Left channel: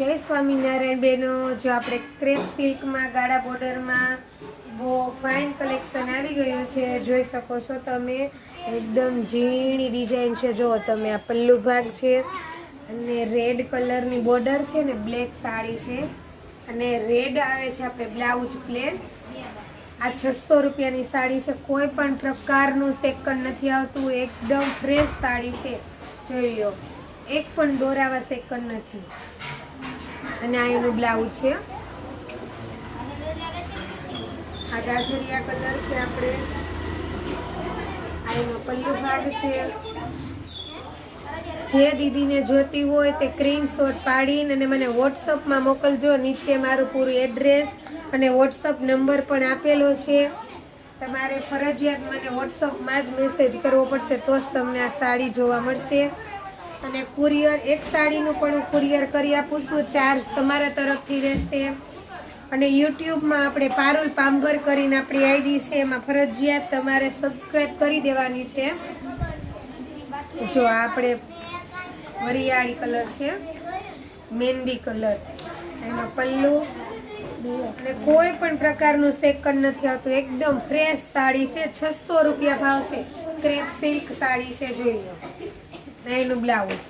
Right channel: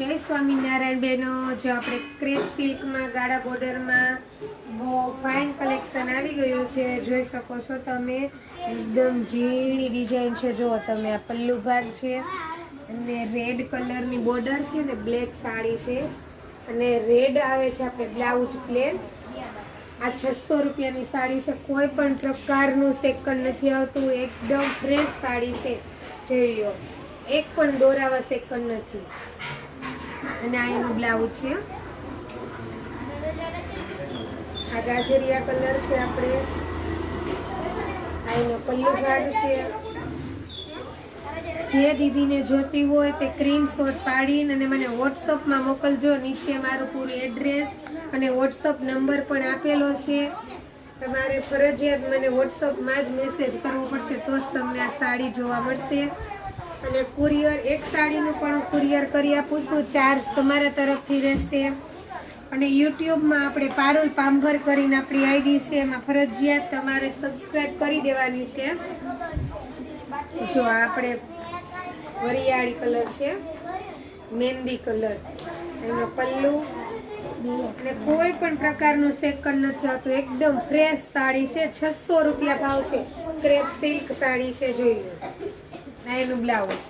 जय स्वामीनारायण बहनों। जो આપણે ક્રેપ સિલ્કમાં ગાળા બોર્ડરમાં બહુ ફાઇન કલેક્શન આવી ગયું છે, જોઈ શકો છો તમે। એકદમ ઝીણી ડિઝાઇન છે, જો તમે આ પલ્લુ ભાગ છે અને રેડ કલરની બોર્ડર છે ને બ્લેક સાડી છે અને રેડ આવે છે આપણે બ્લાઉઝ પ્લેન। આ 600 રૂપિયાની સાડી છે, કોઈ પણ પ્રકારનું સેકન નથી આવતું, એકદમ ફ્રેશ સાડી છે, જોઈ લો, એક પણ દોરાવા સેકન નથી। અને આ એનું બ્લાઉઝ છે, આ ગાજરિયા કલર છે, આપણે આ એનો પલ્લુ ભાગ છે। જે દીદીને જોતી હોય તે સ્ક્રીનશોટ પાડીને અને મને વોટ્સઅપમાં મોકલજો। નીચે મારું પૂરું એડ્રેસ અને વોટ્સઅપ નંબર પણ આપેલો છે, તમારે ફરજિયાત મને વોટ્સઅપમાં જ મેસેજ કરવો પડશે, તો જ તમને આ સાડી જોવા મળશે। અને કુરિયર એક સાડીનું પણ કુરિયર કરી આપું છું, ચાર્જ તમારા તરફથી રહેશે। અને યુટ્યુબમાં આપણે પારુલ પાંભર કરીને આપણી આઈડી છે, એમાં ફરજિયાત તમારે સબસ્ક્રાઈબ કરી દેવાની છે। જો આપણે વરિયાળી કલર છે, મહેંદી કલર, એનો પલ્લુ, અને કોઈ પણ પ્રકારનું સેકન નથી આવતું, એકદમ ફ્રેશ સાડી છે। 600 રૂપિયા ભાવ છે, ક્રેપ સિલ્ક સાડી છે, જોઈ લો, એનું બ્લાઉઝ।